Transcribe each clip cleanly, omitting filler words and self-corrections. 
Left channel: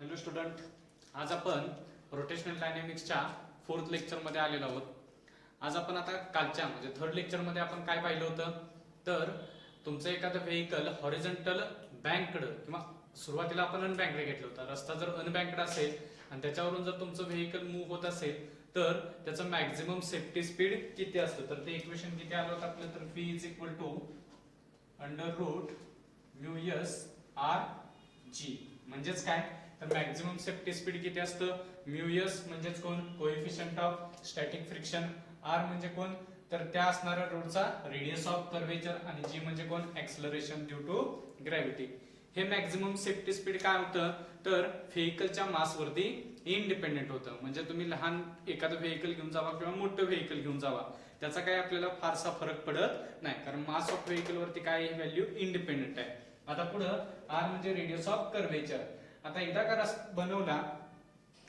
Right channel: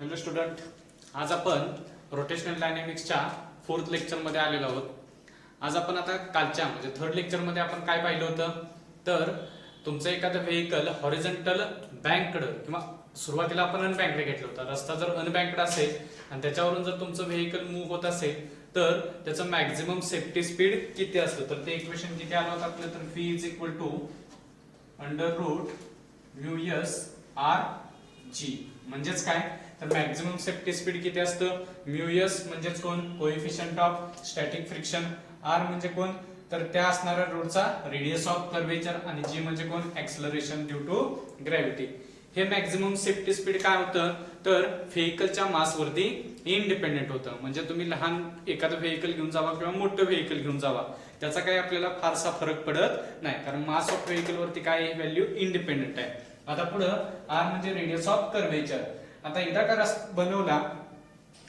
Hello student, आज आपण rotational डायनॅमिक्सच्या 4th लेक्चरमध्ये आलेलो आहोत. आज आपण आता कालच्या म्हणजे 3rd लेक्चरमध्ये आपण काय पाहिलं होतं, तर तुमचं एखादं व्हेकल हॉरिझॉन्टल बँककडं किंवा सुरुवातीला आपण अनबँककडे घेतलं होतं. रस्ता जर अनबँकड असेल आणि त्याच्यावरून जर तुमचं व्हेकल मूव्ह होत असेल तर त्याचं मॅक्झिमम सेफ्टी स्पीड किती असतं, तर ते इक्वेशन किती आलं होतं आपलं, तर v is equal to √μs/g. म्हणजेच काय, तर मॅक्झिमम सेफ्टी स्पीड किती असतं, म्यूएस म्हणजेच कोण, coefficient of static friction, R म्हणजे कोण, तर त्या असणाऱ्या रोडचा रेडियस ऑफ कर्वेचर, आणि जी म्हणजे कोण, ऍक्सलरेशन ड्यू टू ग्रॅव्हिटी. हे मॅक्झिमम सेफ्टी स्पीड काय होतं, तर व्हेकलच्या मास वरती इंडिपेंडेंट होतं. म्हणजे तुम्ही लहान एखादं व्हेकल घेऊन जावा किंवा मोठं व्हेकल घेऊन जावा, त्याचा काही आपल्याला फारसा फरक पडत नाही, कारण मास ऑफ व्हेकल वरती काय व्हॅल्यू इंडिपेंडेंट आहे. आता पुढं आर म्हणजे रेडियस ऑफ कर्वेचर. आता एकदा का रस्ता बनवला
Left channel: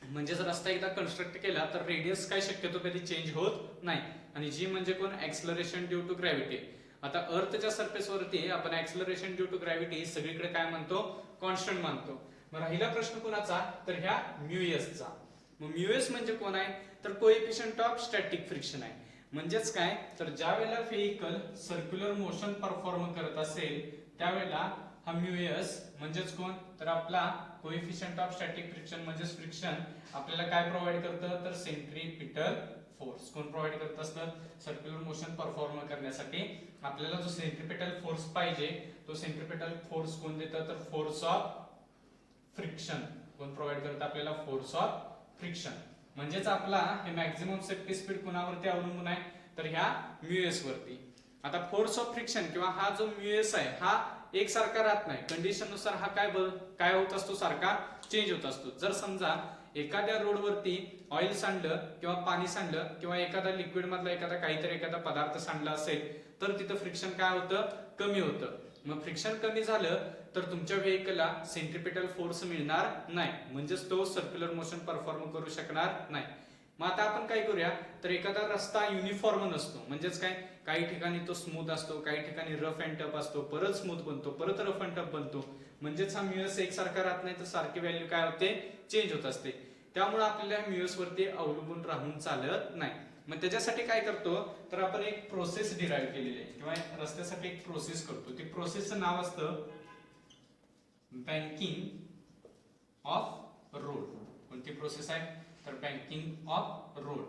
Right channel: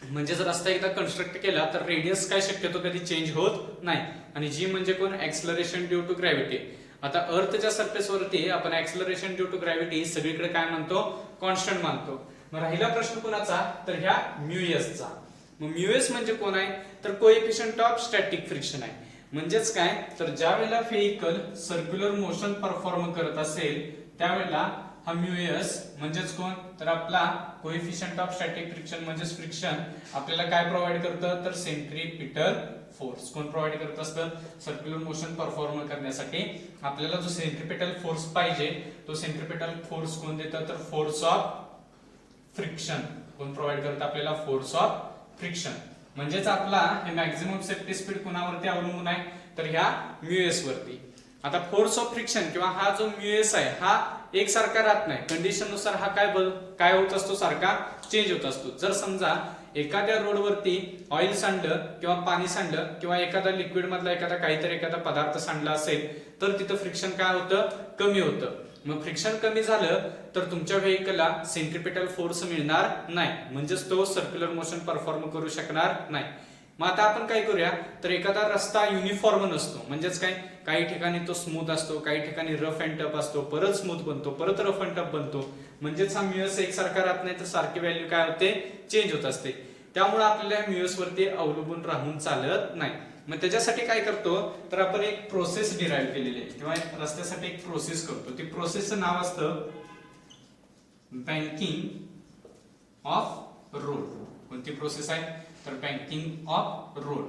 म्हणजे जर रस्ता एकदा कन्स्ट्रक्ट केला तर रेडियस काय शक्यतो कधी चेंज होत नाही, आणि जी म्हणजे कोण, ऍक्सलरेशन ड्यू टू ग्रॅव्हिटी. आता अर्थच्या सरफेस वरती आपण ऍक्सलरेशन ड्यू टू ग्रॅव्हिटी सगळीकडे काय मानतो, कॉन्स्टंट मानतो. मग राहिला प्रश्न कोणाचा, तर ह्या म्यूएसचा. मग म्यूएस म्हणजे कोण आहे, तर कोएफिशियंट ऑफ स्टॅटिक फ्रिक्शन आहे. म्हणजेच काय, तर ज्या वेळेला व्हेकल सर्क्युलर मोशन परफॉर्म करत असेल त्यावेळेला हा म्यूएस म्हणजेच कोण, तर आपला कोएफिशियंट ऑफ स्टॅटिक फ्रिक्शन म्हणजेच फ्रिक्शन आपल्याला काय प्रोव्हाइड करतं, तर सेंट्रीपिटल फोर्स. कोण प्रोव्हाइड करत असतं, सर्क्युलर मोशन परफॉर्म करण्यासाठी आपल्याला जो सेंट्रीपिटल फोर्स पाहिजे तो सेंट्रीपिटल फोर्स कोण देतं, तर फोर्स ऑफ फ्रिक्शन. कोण प्रोव्हाइड करतं आपल्याला, फोर्स ऑफ फ्रिक्शन. म्हणजेच आपला हे मॅक्झिमम सेफ्टी स्पीड कोणावरती अवलंबून आहे, तर ह्या म्यूएस वरती. आता फोर्स ऑफ फ्रिक्शन किंवा हा जो म्यूएस आहे हा एकसारखा राहत नाही, कंडिशन नुसार हा काय होत असतो, सारखा चेंज होत असतो. जर समजा एखाद्या रोडवरती ऑइल सांडलं किंवा पाणी सांडलं किंवा एखादा लिक्विड मधला एखादा पदार्थ सांडला असेल तर तिथं फ्रिक्शन काय होतं, कमी होतं. मग फ्रिक्शन कमी झालं तर तुमच्या व्हेकलला सेंट्रीपिटल फोर्स मिळणार नाही, म्हणजेच तो सर्क्युलर मोशन परफॉर्म करू शकणार नाही. मग आता आपण काय करूया, तर एखादा रस्ता युनिफॉर्म नसतो, म्हणजेच काय, काही ठिकाणी तो स्मूथ असतो, काही ठिकाणी रफ अँड टफ असतो, परत स्मूथ बनतो, परत रफ अँड टफ बनतो. म्हणजेच हा म्यूएस एकसारखा राहत नाही, तर सारखी व्हॅल्यू काय होते, चेंज होत असते. त्यामुळे आपल्याला म्यूएस वरती अवलंबून राहून चालत नाही. मग त्याच्यासाठी काय करतो, तर आपण एक प्रोसेस डिराईव्ह केलेली आहे किंवा रस्त्यासाठी एक प्रोसेस करतो. ती प्रोसेसचं नाव असतं बँकिंग ऑफ रोड. कोणती प्रोसेस आहे, तर बँकिंग ऑफ रोड.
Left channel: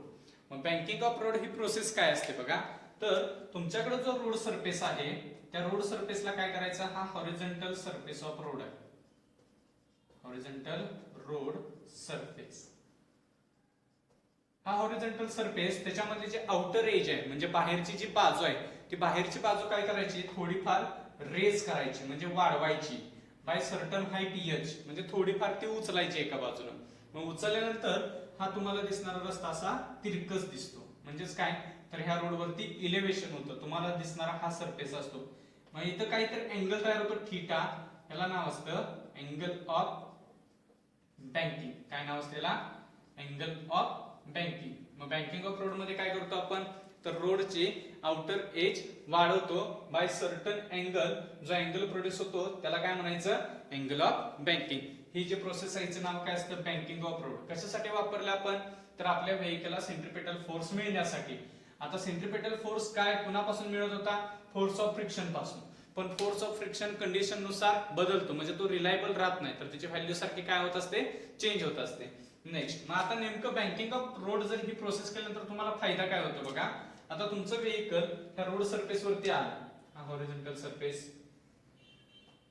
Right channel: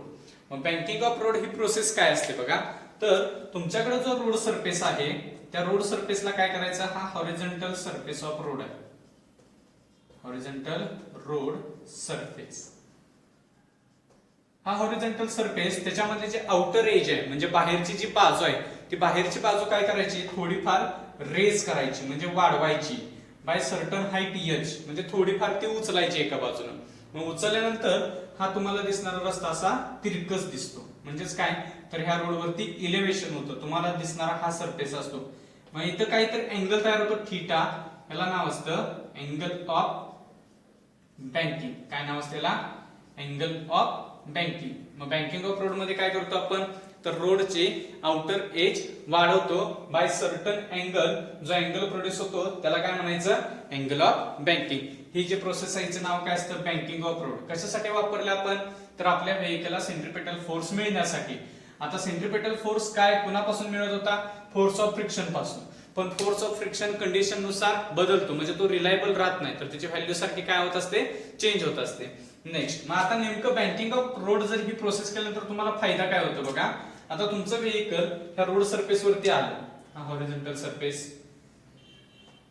मग banking of road he process काय असते बघा, तर तुमच्याकडे जो रोड सरफेस आहे त्या रोड सरफेसला काय करायचं, हा हॉरिझॉन्टल सरफेस ऑफ रोड आहे, हॉरिझॉन्टल रोड सरफेस. हा हॉरिझॉन्टल सरफेस, त्याच्यामध्ये जे आउटर एज आहे म्हणजे बाहेरची जी बाजू आहे ती बाहेरची बाजू काय करायची, थोडीफार रेज करायची म्हणजे वाढवायची बाय सर्टन हाईट एच, म्हणजे थोडीफार ती उचलायची एका बाजूने. मग उचलल्यानंतर हा तुम्हाला दिसणारा रस्ता असा तिरकस दिसतो. म्हणजेच काय, तर ह्या रोडवरती इलेव्हेशन होतं, तुम्हाला दिसणारा हा सरफेस असतो. मग इथं काहीतरी अँगल तयार होतो थीटा, याला नाव असतं अँगल ऑफ बँकिंग. काय नाव असतं याला, अँगल ऑफ बँकिंग. मग बँकिंग ऑफ रोड मध्ये काय करतो आपण, तर रोडचे आउटर एज वाढवतो बाय सर्टन अँगल. जो अँगल प्रोड्यूस होतो त्याला काय म्हणायचं, अँगल ऑफ बँकिंग. ही जी प्रोसेस आहे हिचं नाव काय असतं, बँकिंग ऑफ रोड. कशासाठी वापरले आपण, तर आपल्या व्हेकलला सेंट्रीपिटल फोर्स मिळण्यासाठी. आता सेंट्रीपिटल फोर्स काय कुणापासून मिळत होता, फोर्स ऑफ फ्रिक्शन पासून. पण फोर्स ऑफ फ्रिक्शन कंडिशन नुसार बदलतो, म्हणजे तो रिलायबल राहत नाही, तर त्याची व्हॅल्यू सारखी काय होत असते, चेंज होत असते. नेक्स्ट, मग आता नेमकं बँकिंग ऑफ रोड जर ही प्रोसेस केल्यानंतर तुम्हाला फायदा काय होतो बघा. आता तुमचं व्हेकल ह्या रोड सरफेस वरती आलं, हा हॉरिझॉन्टल सरफेस,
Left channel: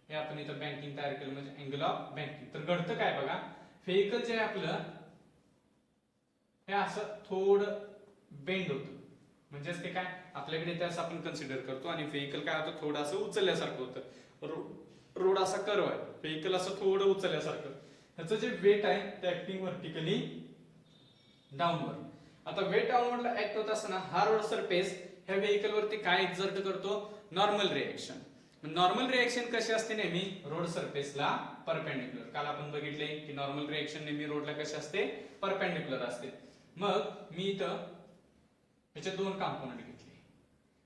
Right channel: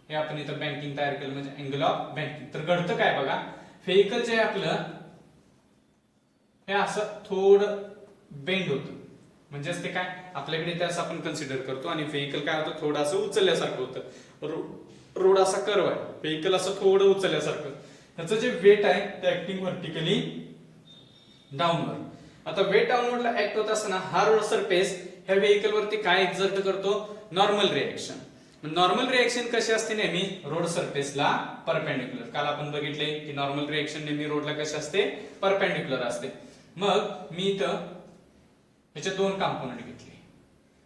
हे आपण इथं बँकिंग तयार केलं म्हणजे अँगल ऑफ बँकिंग. तर घडतं काय बघा, व्हेकल जे आहे आपलं हे असं थोडं बेंड होतं, म्हणजेच ते काय आपल्याकडे ते असं आपण कन्सिडर करतो, आणि व्हेकल काय होतं, थोडं असं उचलल्यासारखं होतं. रोड असा कर्व आहे, व्हेकल असं थोडं उचलल्यासारखं. ह्याचं जे वेट आहे ते ऍक्टिंग व्हर्टिकली डाऊनवर्ड. आता वेट डाऊनवर्डला ऍक्ट होत असताना हा रोड सरफेस ह्या व्हेकल वरती काय एक्झर्ट करतो, नॉर्मल रिएक्शन. नॉर्मल रिएक्शन कशी असते, नेहमी रोड सरफेसला परपेंडिक्युलर. काल आपण बघितले की नॉर्मल रिएक्शन नेहमी रोडला कशी असते, परपेंडिक्युलर असते. मग मी इथं ह्याचे दोन कंपोनेंट घेतले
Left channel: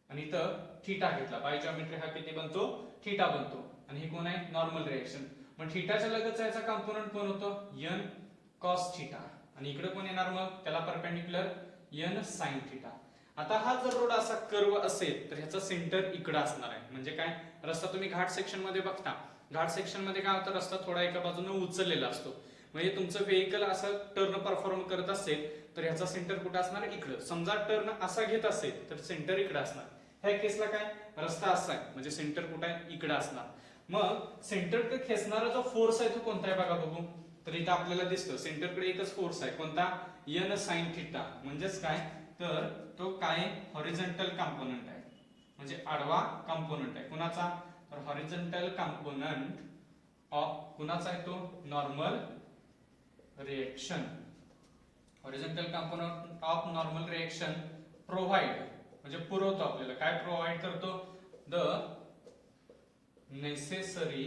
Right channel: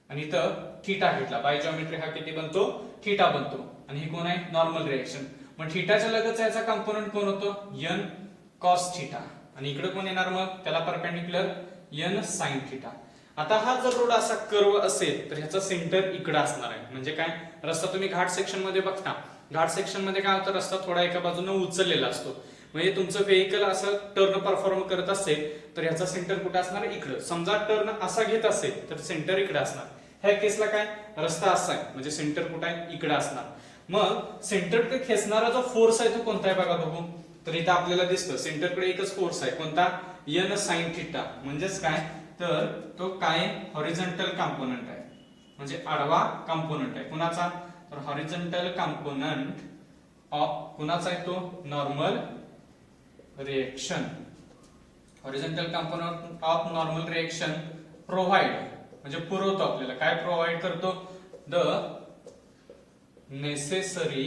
आणि इथं थीटा घेतला, बाय जॉमेट्री हा किती बनतो, थीटा बनतो, आणि ही कोण आहे, नॉर्मल रिएक्शन. मग थीटाच्या लगतचा याचा कंपोनंट कोण होतो n cos थीटा आणि इकडे कोण येणार मग त्याला परपेंडिक्युलर n sin थीटा. आता हा जर रोड असा कर्व असेल तर ह्याचा सेंटर इकडे असणार आहे. म्हणजे काय रस्ता तुम्ही घाट सेक्शन मध्ये बघता, घाट सेक्शन मध्ये काय होतं रस्ता थोडा एका बाजूने उचललेला असतो. म्हणजे तुमचं व्हेकल असं टर्न परफॉर्म करत असेल तर ह्याचा सेंटर कुठे असणार इकडे. समजा टर्न असा घेत असेल तर सेंटर इकडे असणार. ह्या केसला काय रस्ता असा आहे म्हणजे सेंटर कुठे आहे इकडे असणार. मग सेंटरकडे खेचणारा जो फोर्स आहे तो कोणता आहे बघा बघू. तर इथं आपल्याला दिसतं सेंटरकडे एकच फोर्स आहे कोणता n sin थीटा. म्हणजेच काय तर तो काय हॉरिझॉन्टल कंपोनंट आहे म्हणजे आडवा कंपोनंट आहे कुणाचा तर हॉरिझॉन्टल कंपोनंट ऑफ कुणाचा आहे तो normal reaction. Horizontal component of normal reaction provide म्हणजे पुरवतो आपल्याला काय प्रोव्हाइड करतो द नेसेसरी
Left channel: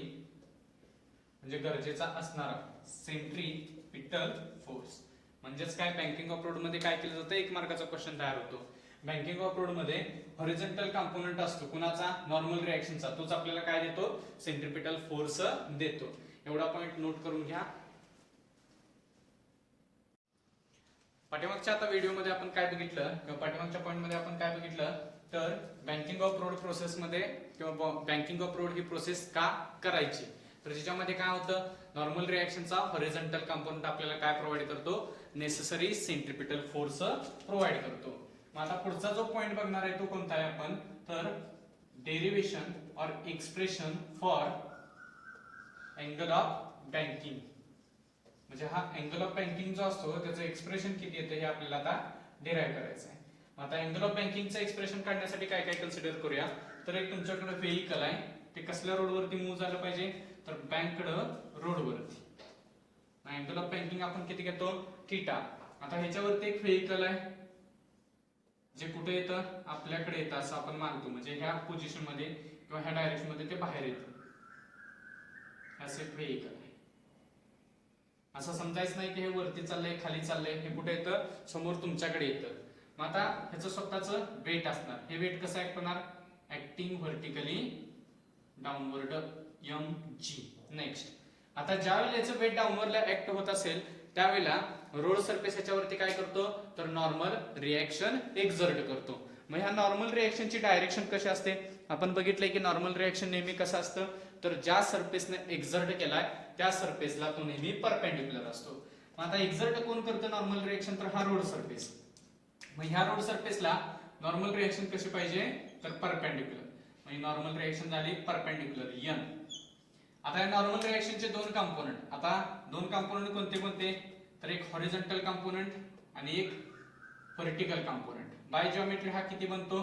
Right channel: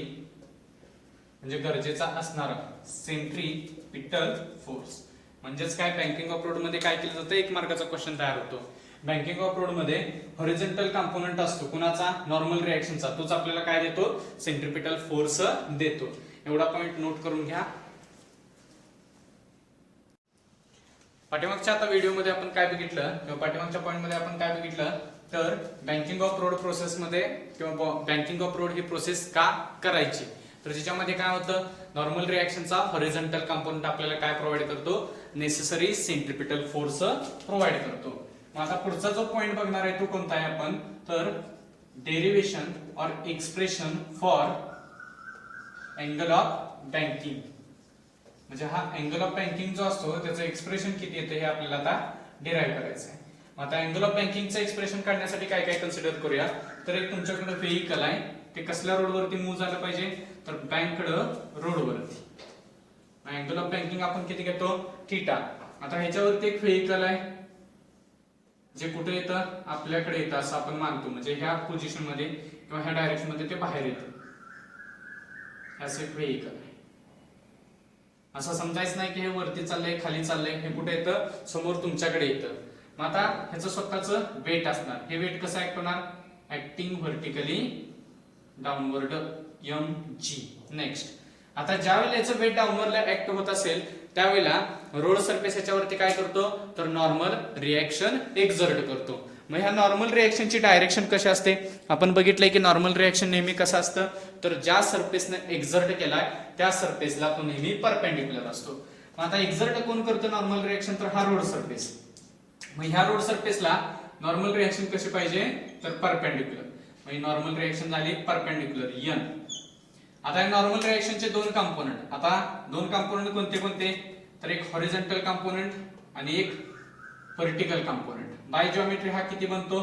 म्हणजे गरजेचा असणारा सेंट्रीपिटल फोर्स. म्हणजेच काय बँकिंग ऑफ रोड मध्ये काय केलं जातं 1 मार्काचा क्वेश्चन तयार होतो. बँकिंग ऑफ रोड मध्ये हॉरिझॉन्टल कंपोनंट असतो कुणाचा नॉर्मल रिएक्शनचा तोच आपल्याला काय देतो सेंट्रीपिटल फोर्स देतो. एवढा पॉइंट नोट करून घ्या. पाठीमागच्या आता व्हिडिओमध्ये आपण काय बघितलं किंवा पाठीमागच्या पॉइंट मध्ये आपण काय बघितलं तर बँकिंग ऑफ रोड प्रोसेस मध्ये किंवा banking of road he process का करायची तर त्याच्यामध्ये काय होतं नॉर्मल रिएक्शनचा हॉरिझॉन्टल कंपोनंट आपल्याला काय प्रोव्हाइड करतो नेसेसरी सेंट्रीपिटल फोर्स प्रोव्हाइड करतो. मग आता पुढचा जो पॉइंट बघणार आहे तो कोणता आहे आपण तर derivation or expression for angle of banking. म्हणजे हा अँगल ऑफ बँकिंग जो असतो त्याचं एक्सप्रेशन किती येतं हे आपल्याला आता डिराइव्ह करायचं आहे. मग आता अँगल ऑफ बँकिंगचं एक्सप्रेशन काढण्यासाठी काय काय कन्सिडर करूया तर एक तुमच्याकडे व्हेइकल आहे ते कसल्या रोडवरती मूव्ह झालं पाहिजे तर बँकड रोडवरती. अँगल ऑफ बँकिंग आपण किती घेतो थीटा. आता ह्याच्यावरती एक व्हेइकल आहे जे कुठे येतं आपल्याकडे येतं असं आपण मानतो म्हणजे ह्या पोझिशन मध्ये किंवा ह्या डायरेक्शन मध्ये ते बाहेर येतं. असं एक व्हेइकल आहे. असं समजायचं नाही की हे वरती चाललंय खाली चाललंय हे कुठे येतं समोर तुमच्याकडे येतं. मग आता ह्याचं स्वतःचं वेट असणार. हे वेट कसं ऍक्ट होणार acting vertically downward mg. Next आता ज्या वेळेला याचं वेट डाऊनवर्डला ऍक्ट होत असेल त्यावेळेला रोड सरफेस याच्यावरती काय करतो तर नॉर्मल रिएक्शन एक्झर्ट करतो. मग ह्या नॉर्मल रिएक्शनची डायरेक्शन कशी असते आपण बघितलंय की नॉर्मल रिएक्शन नेहमी कसं असतं तर ज्या सरफेसने एक्झर्ट केलाय त्या सरफेसला तो नेहमी परपेंडिक्युलर असतो. मग आता एक्झर्ट कोण करतो नॉर्मल रिएक्शन तर हा रोड सरफेस. मग ह्या रोड सरफेसला नॉर्मल रिएक्शन कशी पाहिजे तर परपेंडिक्युलर. मग नॉर्मल रिएक्शन झाली परपेंडिक्युलर n. आता या नॉर्मल रिएक्शनचे दोन कंपोनंट आता दोन कंपोनंट कोणते कोणते तर एक हॉरिझॉन्टल कंपोनंट आणि एक व्हर्टिकल कंपोनंट. बाय जिओमेट्री हा किती बनतो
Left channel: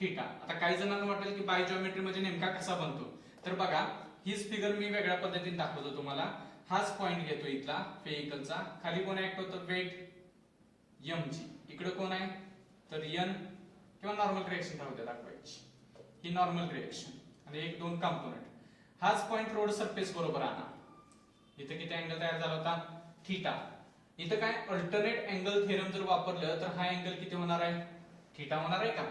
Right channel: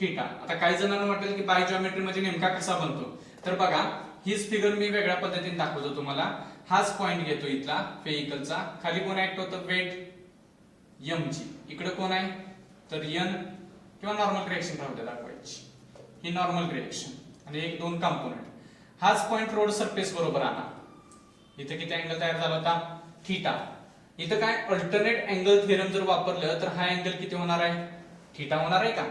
थीटा. आता काही जणांना वाटेल की बाय जिओमेट्री म्हणजे नेमका कसा बनतो तर बघा हीच फिगर मी वेगळ्या पद्धतीने दाखवतो तुम्हाला. हाच पॉइंट घेतो इथला व्हेइकलचा खाली कोण ऍक्ट होतं वेट mg इकडे कोण आहे तर n किंवा नॉर्मल रिएक्शन राहू दे दाखवायची ही नॉर्मल रिएक्शन आणि एक दोन कंपोनंट. हाच पॉइंट रोड सरफेस बरोबर आणा. इथे किती अँगल तयार झाला होता थीटा. इथं काय अल्टरनेट अँगल थिअरम जर वापरलं तर हा अँगल किती होणार आहे थीटा होणार आहे का.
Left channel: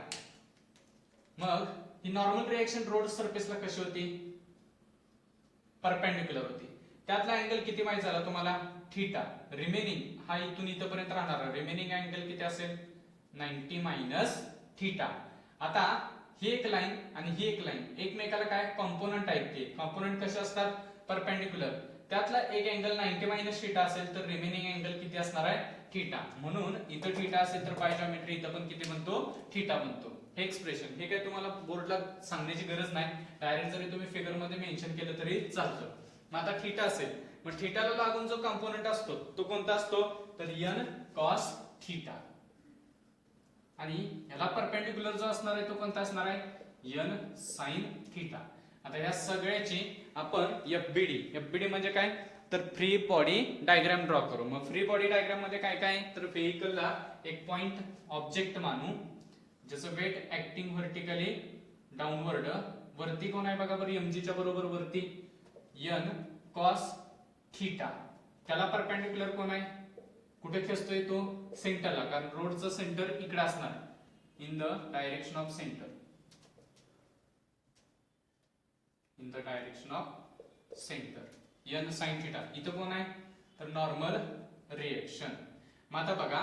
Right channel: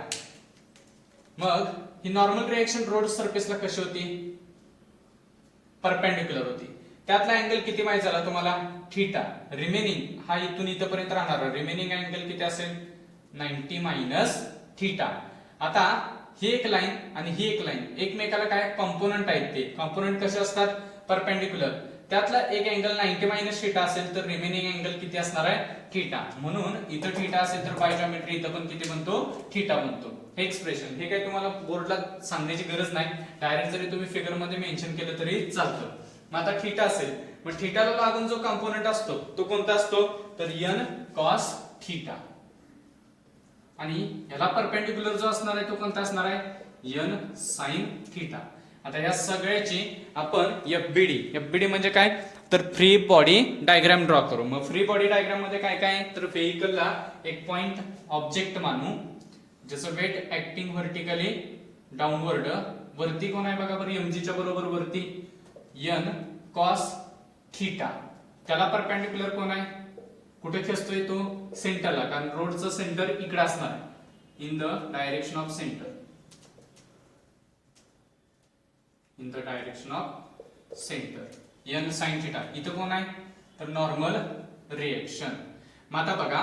मग ही नॉर्मल रिएक्शन रोड सरफेसला कशी होती परपेंडिक्युलर होती. त्यातला अँगल किती माहित झाला तुम्हाला थीटा. रिमेनिंग हा इथून इथपर्यंत राहणार रिमेनिंग अँगल किती असेल 90 मायनस थीटा. आता ही एक लाईन आणि ही एक लाईन एकमेकाला काय कंपोनंट आहेत ते कंपोनंट कसे असतात परपेंडिक्युलर. त्यातला एक अँगल 90 मायनस थीटा असेल तर रिमेनिंग अँगल किती असणार आहे थीटा. म्हणून इथं थीटा असेल तर बाय जिओमेट्री इथं पण किती बनतो थीटा बनतो. हे एक्सप्रेशन हे काय तुम्हाला बोर्डला सांगण्याची गरज नाही डायरेक्ट जरी तुम्ही फिगर मध्ये मेन्शन केलं तरी चालतं. मग आता थीटा असेल मग थीटाला लागून जो कंपोनंट असतो तो कोणता असतो तर n cos थीटा आणि याला परपेंडिक्युलर जो असणार आहे तो कोणता असणार आहे n sin थीटा. आता या सगळ्याची आपण एफबीडी म्हणजे काय तर फ्री बॉडी डायग्राम ड्रॉ करू. मग फ्री बॉडी डायग्राम मध्ये काय काय तर व्हेइकलला एक पॉइंट ऑब्जेक्ट मानू ज्याचं वेट ऍक्टिंग व्हर्टिकली डाऊनवर्ड. वरती कोण आहे बघा बरं mg च्या बरोबर वरती n cos थीटा. त्याला परपेंडिक्युलर कोण आहे कुठे खेचतोय तो सेंटरला कारण रोडचं सेंटर इकडे असणार आहे in the direction of centre. In the direction of centre n sin theta. इथं कोण आहे तर नॉर्मल रिएक्शन. मग आता बघा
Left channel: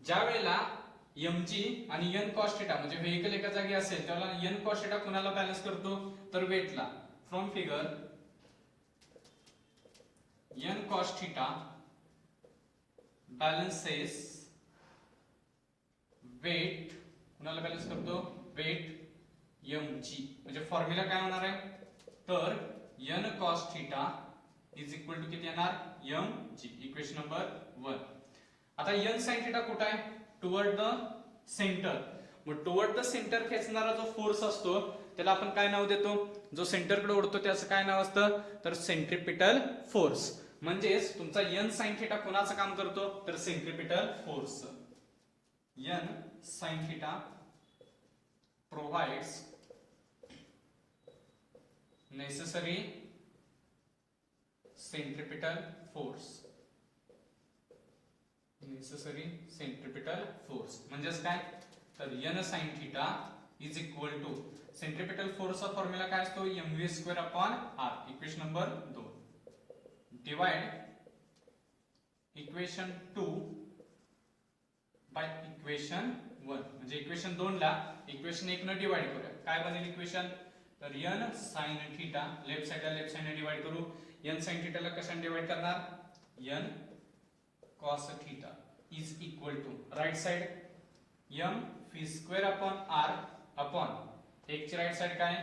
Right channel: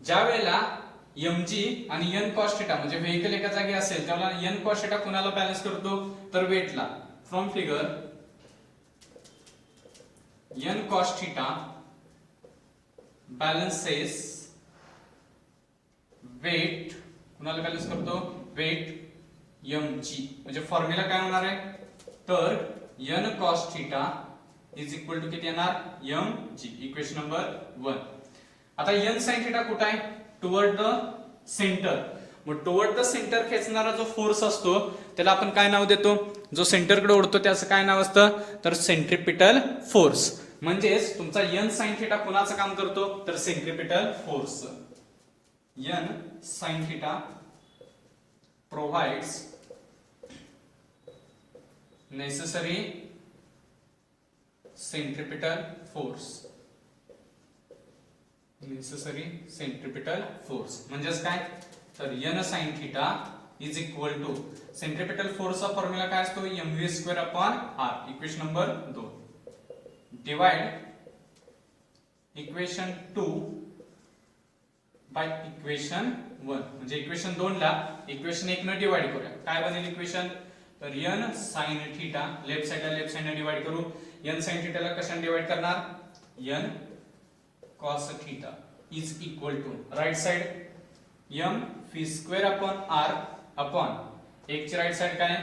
ज्या वेळेला mg आणि n cos थिटा म्हणजे व्हेइकल एका जागी असेल त्याला n cos थिटा कुणाला बॅलन्स करतो तर वेटला. From figure n cos theta balances weight कुणाला बॅलन्स करतो वेट mg. म्हणजे फॉर्म्युला काय होणार आहे तर n cos theta is equal to किती येणार mg. Equation number 1. आता n sin थिटा कुठे आहे टुवर्ड द सेंटर. मग टुवर्ड द सेंटर खेचणारा जो फोर्स असतो त्याला आपण काय नाव देतो जो सेंटरकडे ओढतो त्याचं काय नाव असतं तर सेंट्रिपिटल फोर्स. म्हणजेच तुमचा n sin थिटा कोणाचं काम करतो तर centripetal force. n sin theta provides necessary centripetal force. necessary centripetal force म्हणजेच काय तर n sin theta is equal to centripetal फोर्सचा फॉर्म्युला काय असतो mv square upon r. Equation number 2. Divide equation 2 by equation 1. म्हणजे इक्वेशन 2 ला equation 1 न divide करूया. काय बनेल इक्वेशन तर n sin theta left side ने डिवाइड करू. n sin थिटा ला कशाने डिवाइड करणार n cos theta is equal to right side m v square upon r upon एक ची राइट साइड काय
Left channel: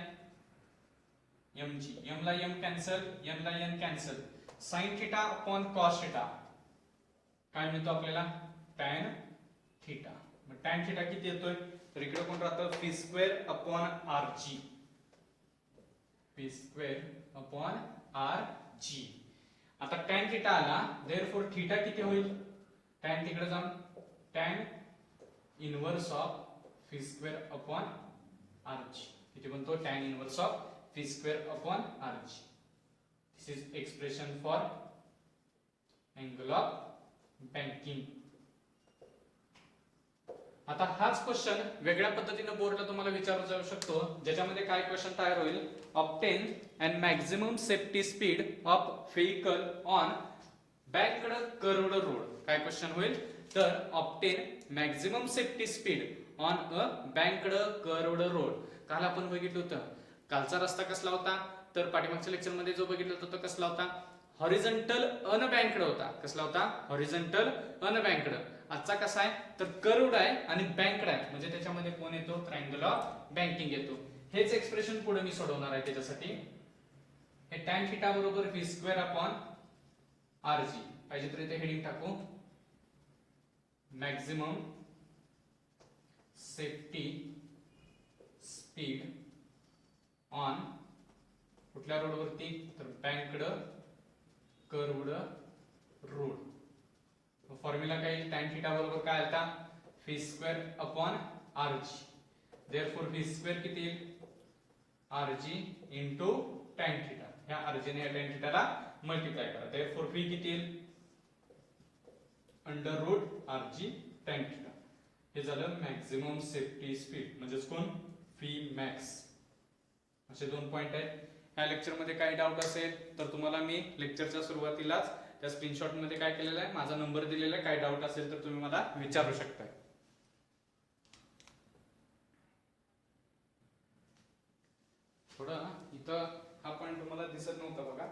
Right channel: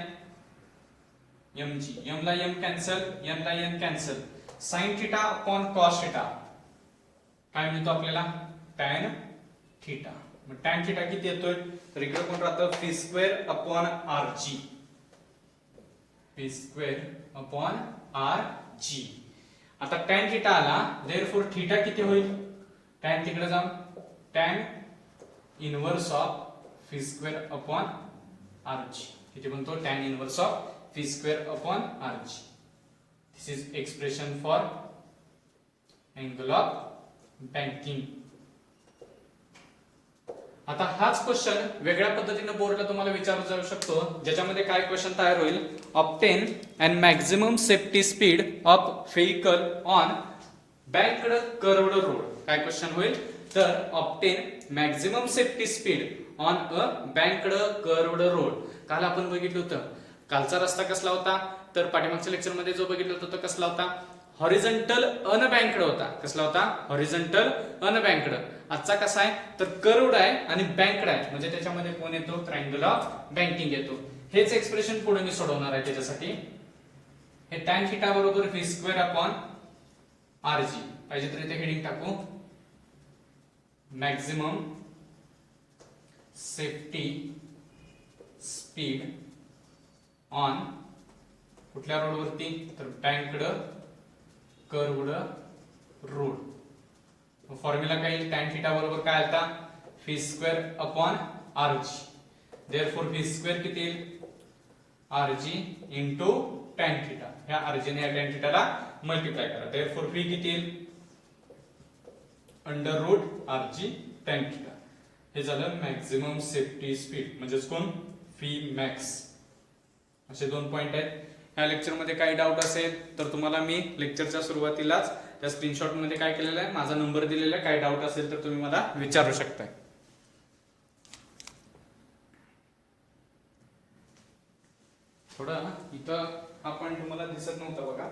mg. m ला m कॅन्सल n ला n cancel. sin theta upon cos theta काय मिळतो आपल्याला tan थिटा. मग tan थिटा किती येतोय तर इकडे कोण राहतं v square upon rg. v square upon rg. आता tan थिटा आला देयरफॉर थिटा किती होईल tan तिकडे जाऊन tan inverse of v square upon rg. किती बनतो tan inverse of v square upon rg. This is expression for angle of banking. आता हाच क्वेश्चन वेगळ्या पद्धतीने बोर्डला तुम्हाला विचारला जाऊ शकतो ज्याच्यामध्ये काय क्वेश्चन तयार होईल obtain and maximum safety speed of vehicle on banked curved road. काय क्वेश्चन होईल तर obtain maximum safety speed on a banked curved road. काल आपण बघितलं होतं कालचा रस्ता कसला होता तर पाठीमागच्या लेक्चर मध्ये जो बघितला होता तो कसला होता हॉरिझॉन्टल अनबँक्ड होता. कसला होता हॉरिझॉन्टल अनबँक्ड. आजचा कसा आहे तर कर्व्ड आहे आणि बँक्ड आहे म्हणजे त्याच्यामध्ये कोण येतो ट्रायंगल ऑफ बँकिंग येतो. हेच एक्सप्रेशन पुढे मी सोडवणार आहे त्याच्यासाठी. हे tan थिटा बरोबर v स्क्वेअर अपॉन rg. पाहिजे तर इथे हेडिंग टाकू मॅक्झिमम सेफ्टी स्पीड ऑन कुठल्या रोड वरती तर बँक्ड कर्व्ड रोड. फॉर्म्युला काय येईल tan थिटा बरोबर काय आलता v square upon rg. Therefore v square किती येईल rg इनटू tan थिटा. ह्या rg ने tan थिटाला मल्टिप्लाय करा. देयरफॉर v किती येईल under root rg tan theta. हे झालं मॅक्झिमम सेफ्टी स्पीड म्हणजेच कोण v मॅक्स. असे दोन पॉइंट आहेत. ह्या लेक्चर मध्ये काही डाऊट असेल तर तुम्हाला मी लेक्चरच्या सुरुवातीलाच त्या स्क्रीनशॉट मध्ये काय केलेलं आहे माझा नंबर दिलेला आहे. काही डाऊट असेल तर तुम्ही मला विचारू शकता. थोडं इथं हा पॉइंट तुम्हाला दिसत नव्हता बघा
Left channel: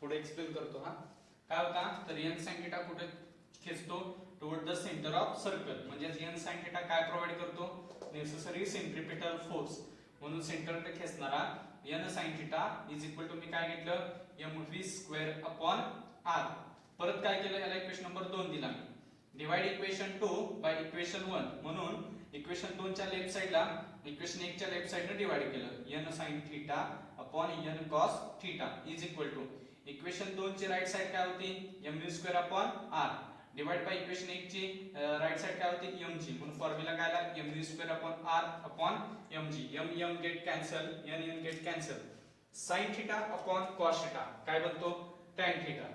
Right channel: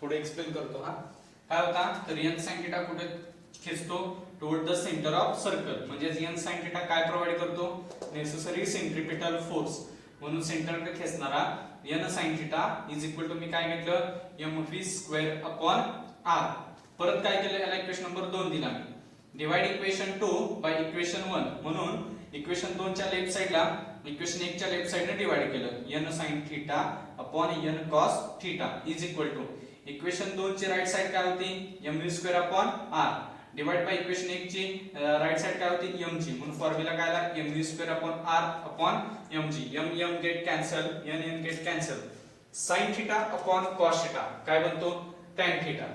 थोडं एक्सप्लेन करतो. हा काय होता तर n sin थिटा कुठे खेचतो toward the centre of circle. म्हणजे n sin थिटा काय प्रोव्हाइड करतो नेसेसरी सेंट्रिपिटल फोर्स. म्हणून सेंटरकडे खेचणारा n sin theta is equal to मी काय घेतलं mv स्क्वेअर अपॉन r. परत काय केलं याला इक्वेशन नंबर 2 दिला मी. Divide equation 2 by equation 1. म्हणून इक्वेशन 2 च्या लेफ्ट साइडला इक्वेशन 1 च्या लेफ्ट साइडने डिवाइड केलं n sin theta upon n cos theta is equal to equation 2 ची राइट साइड काय होती mv square upon r divide by equation 1 ची राइट साइड काय होती mg. म्हणून फॉर्म्युला काय आला mv square upon r upon mg. m get cancel n get cancel. sin theta upon cos theta काय बनतो tan थिटा.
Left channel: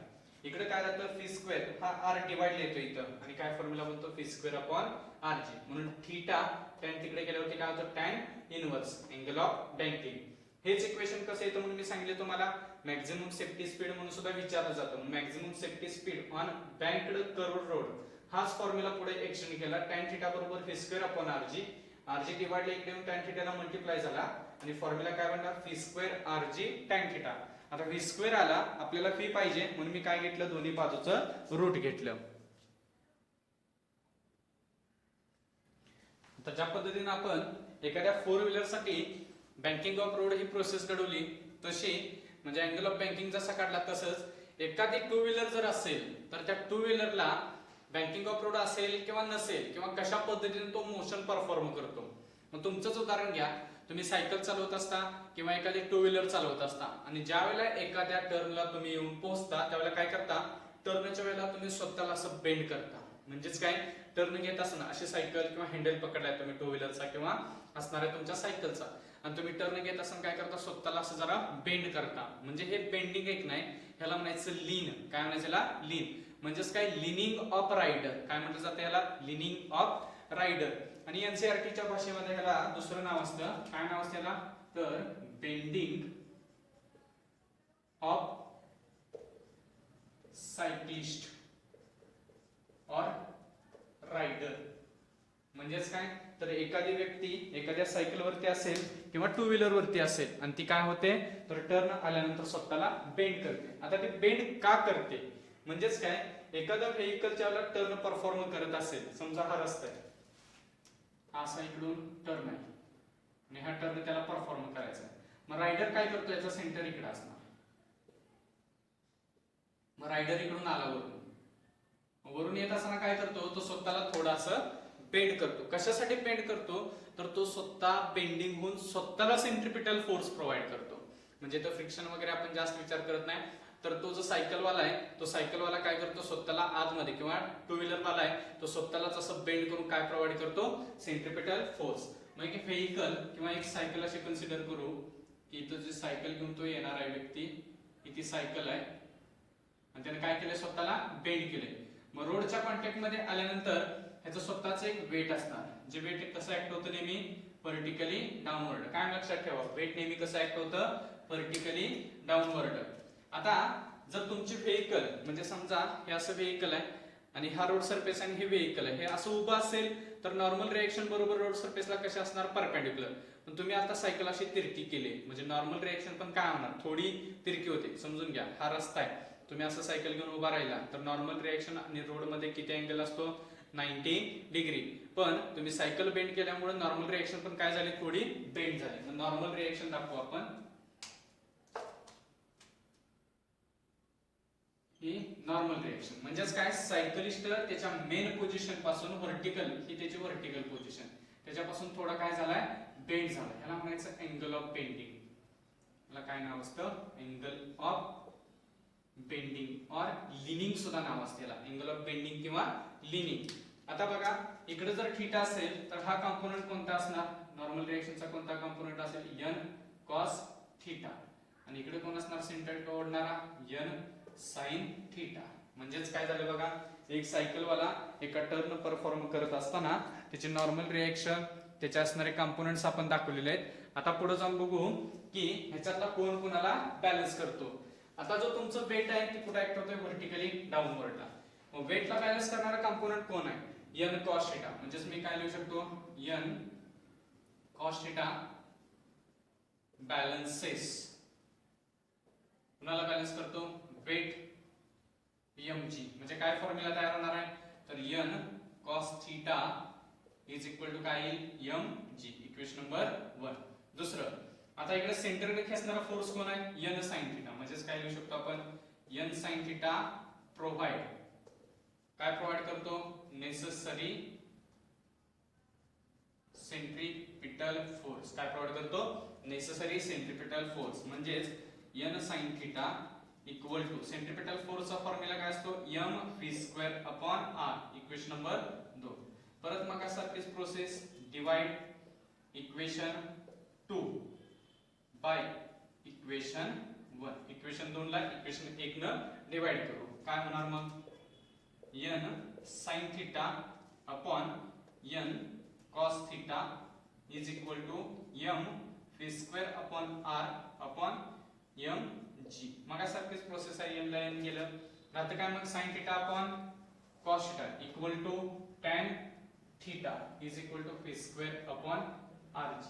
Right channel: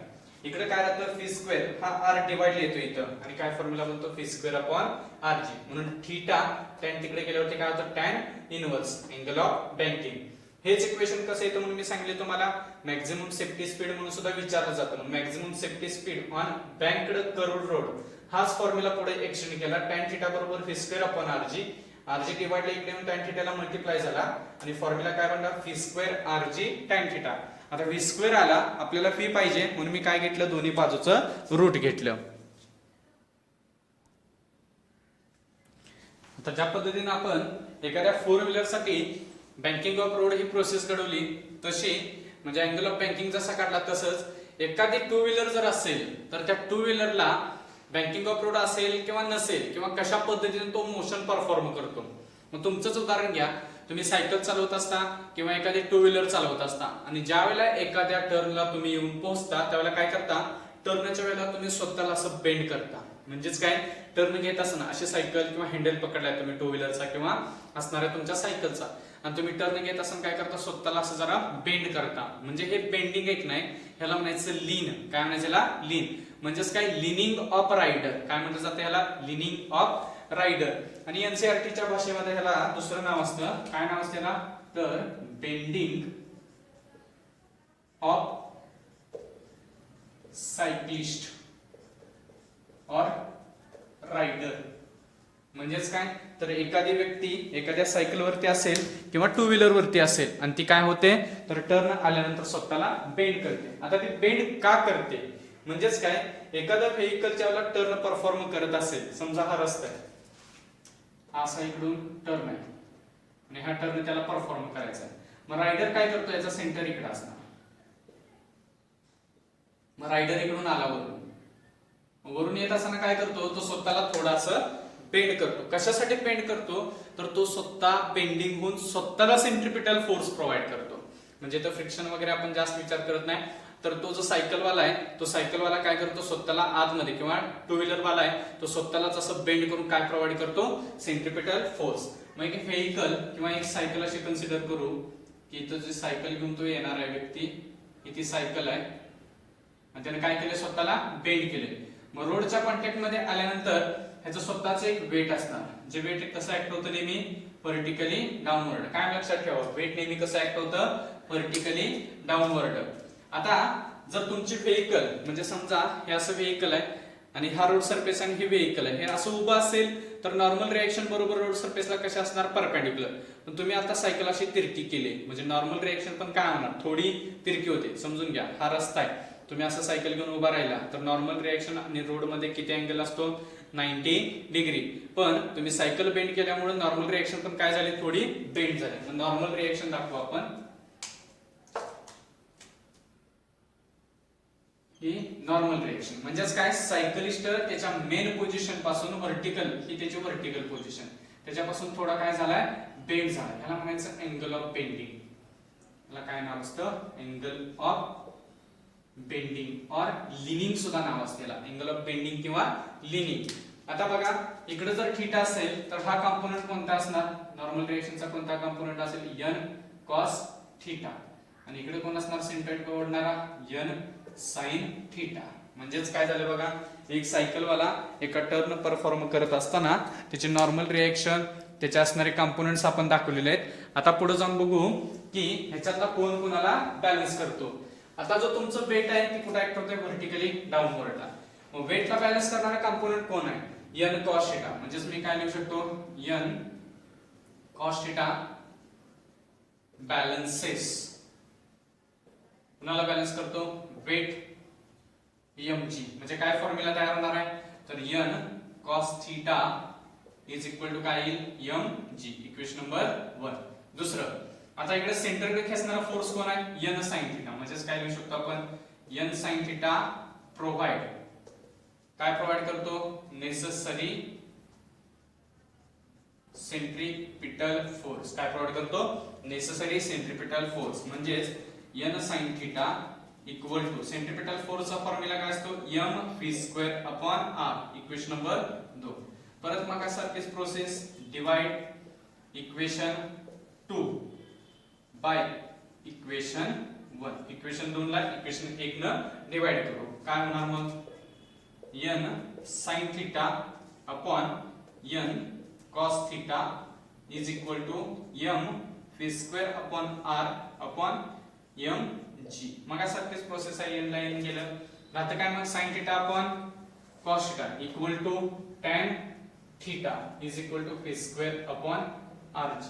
इकडे काय राहतं v स्क्वेअर हा r डिवाइड येतो इथं आणि काय फॉर्म्युला बनतो v स्क्वेअर अपॉन rg. म्हणून थिटा tan तिकडे गेल्यावरती काय होतं tan inverse angle of banking. हेच इक्वेशन कसं येतं म्हणून मी सांगितले तुम्हाला, मॅक्झिमम सेफ्टी स्पीड म्हणून सुद्धा विचारलं जातं. Maximum safety speed on banked curved road हाच फॉर्म्युला पुढे एक्सटेंड केला. tan θ बरोबर v square upon rg, rg divide इकडे येऊन tan θ ला मल्टिप्लाय झाला आणि फॉर्म्युला काय बनला v स्क्वेअर rg tan θ. आता v स्क्वेअर आला, आपल्याला v पाहिजे म्हणून मी काय घेतलं, दोन्ही बाजूचं रूट घेतलं. तर ज्या पद्धतीने आपण एखाद्या 4 व्हीलर साठी banking of road he process घडवली, तशी म्हणजे अँगल ऑफ बँकिंग जसा काढला तसंच एखादी 2 व्हीलर जर असेल तर त्या 2 व्हीलरला बँकिंग ऑफ रोड असेल किंवा नसेल किंवा कशा पद्धतीने तो मोशन परफॉर्म करतो. मग तुमचंच उदाहरण घ्या, तुम्ही सायकल चालवत असता किंवा एखादी 2 व्हीलर चालवत असता आणि ज्या वेळेला एखाद्या टर्नला तुम्ही येऊन पोहोचता त्यावेळेला काय करता, टर्नच्या वेळेला तुम्ही स्वतःला असं बेंड करता. म्हणजेच काय, टर्न घेत असताना अशी सायकल किंवा हँडल पकडलाय तुम्ही 2 व्हीलरचा किंवा असणाऱ्या तुमच्या सायकलचा आणि तुम्ही टर्न घेत असताना काय करता, स्वतःला असं जरा बेंड करता. म्हणजे हे बेंडिंग एक नाही, ह्याला म्हणायचं लीन. काय म्हणायचं याला, लीन. म्हणजेच काय, लिनिंग ऑफ रायडर. काय म्हटलं जातं याला, लिनिंग ऑफ रायडर. आणि एनसीईआरटीच्या भाषेमध्ये ह्याला दुसरं नाव असतं. काय नाव असतं याला, तर बेंडिंग ऑफ सायक्लिस्ट और रायडर. म्हणजेच काय, तर एखादी व्यक्ती एखाद्या सायकल वरती असेल किंवा 2 व्हीलर वरती असेल आणि ती काय होते, तर टर्न आल्यानंतर स्वतःला बेंड करते. आता ती बेंड का करते, म्हणजेच काय, एखादा व्हेइकलच्या वेळेला टर्न परफॉर्म करत असेल, समजा हा रस्ता आहे, हा असा इकडून टर्न आहे आणि हा टर्न त्याला परफॉर्म करायचा आहे. मग रायडर काय करतो, याचा सेंटर इकडे असणार. मग रायडर इकडून आला वरून येत असताना काय करतो, तो स्वतःला थोडासा बेंड करतो. कशासाठी बेंड करतो, तर तो स्वतः बेंडिंग होऊन स्वतःला सेंट्रिपिटल फोर्स प्रोव्हाइड करतो. म्हणजे तो फ्रिक्शन वगैरे आपण जास्त विचार करत नाही. तर तो जो सायकलवाला आहे, तो सायकलवाला काय करतो, स्वतःला आतमध्ये किंवा 2 व्हीलरवाला आहे तो स्वतःलाच असं बेंड करून काय प्रोव्हाइड करतो, सेंट्रिपिटल फोर्स. मग एक व्हेइकल किंवा एक सायकल अशी कन्सिडर करू की तो जी सायकल घेऊन तो येणार आहे व्यक्ती, ही ती सायकल आहे आणि त्याने काय केलं, स्वतःला बेंड केले. मग रोडच्या कॉन्टॅक्ट मध्ये आल्यानंतर ह्याचं स्वतःच एक वेट असणार. जे वेट कसं ऍक्ट होतं, नेहमी व्हर्टिकली डाऊनवर्ड. काय लक्षात ठेवा, वेट नेहमी कसं ऍक्ट होतं, व्हर्टिकली डाऊनवर्ड. आता जर तुमची व्हेइकल, म्हणजे समजा हे असं व्हेइकल आहे आणि हा रोड सरफेस आणि हे व्हेइकल आहे, हे असं उभं असेल तर नॉर्मल रिएक्शन बरोबर रोड सरफेसला कशा असणार, परपेंडिक्युलर. पण तुम्ही आता सायकल अशी तिरकी केली म्हणजे नॉर्मल रिएक्शन पण काय होणार, थोडी तिरकी होते. समजून घ्या, हा रस्ता आहे, तुम्ही असं सायकल घेऊन उभा राहिला तर नॉर्मल रिएक्शन आणि रोड मध्ये किती अँगल असतो, 90 डिग्री. पण तुम्ही सायकल बेंड केल्यामुळे नॉर्मल रिएक्शन पण काय झाली, थोडी बेंड झाली. नॉर्मल रिएक्शन दाखवू आपण, ही नॉर्मल रिएक्शन. म्हणजेच काय, सायकलिस्ट त्याच्या मेन पोझिशन पासून व्हर्टिकल, ही त्याची व्हर्टिकल पोझिशन, त्याच्यापासून थोडा काय झालाय, बेंड झाला. ह्याला म्हणायचं अँगल ऑफ बेंडिंग. ह्याला काय नाव असतं, अँगल ऑफ बेंडिंग और लिनिंग सुद्धा नाव असते याला, अँगल ऑफ बेंडिंग किंवा लिनिंग. आता बघा, इकडे जर थीटा असेल तर हा कंपोनेंट कोणता असणार, नॉर्मल रिएक्शनचा कोणता कंपोनेंट असेल, n cos थीटा. आणि इकडे कोण असणार, सेंट्रोइड को ओढणारा n sin थीटा. म्हणजेच काय झालं बघा, एक सायकलवाला एका टर्न परफॉर्म करत असताना त्याची नॉर्मल रिएक्शन, त्याचे असणारे कंपोनेंट्स आपण दाखवलेले आहेत. आता पुढे जाऊन बघू की ह्याच्यातला कोण कोणाला बॅलन्स करतो. आता जो तुमचं वेट आहे ती कुठे ऍक्ट होते, व्हर्टिकली डाऊनवर्डला. मग वेटला बॅलन्स करणारा कंपोनेंट कोण आहे, n cos थीटा. म्हणजेच मी काय लिहू शकतो, n cos थीटा बॅलन्सेस. कुणाला बॅलन्स करतो, वेट mg. म्हणजे काय फॉर्म्युला तयार होणार आहे, तर n cos theta is equal to काय येईल, mg. Equation number 1. दुसरं, आता इकडे सेंटरकडे खेचणारा फोर्स कोण आहे, n sin थीटा. म्हणजेच काय लिहू शकतो आपण, n sin थीटा प्रोव्हाइड, काय प्रोव्हाइड करतो, नेसेसरी सेंट्रिपिटल फोर्स. काय प्रोव्हाइड करतो, नेसेसरी सेंट्रिपिटल फोर्स. म्हणजेच n sin theta equal to centripetal फोर्सचा फॉर्म्युला काय असतो, mv square upon r. Equation number 2. परत मग सारखीच process, divide equation 2 by equation 1. Equation 2 ला इक्वेशन 1 न डिवाइड करू. काय होणार मग, n sin theta upon n cos theta is equal to m v square upon r upon mg. मग सारखीच प्रोसेस आहे, n ला n गेलं आता काय, मग sin theta upon cos theta equal to tan theta is equal to v square upon rg.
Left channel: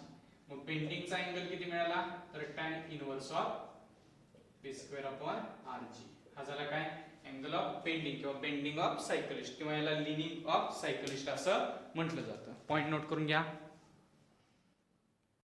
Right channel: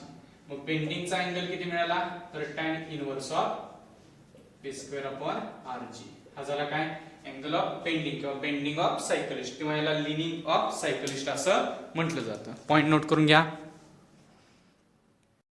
मग बेंडिंगचा अँगल किती मिळाला, तर tan inverse of v square upon rg. हा झाला काय, अँगल ऑफ बेंडिंग किंवा बेंडिंग ऑफ सायकलिस्ट किंवा याला लिनिंग ऑफ सायकलिस्ट असं म्हटलं जातं. पॉइंट नोट करून घ्या.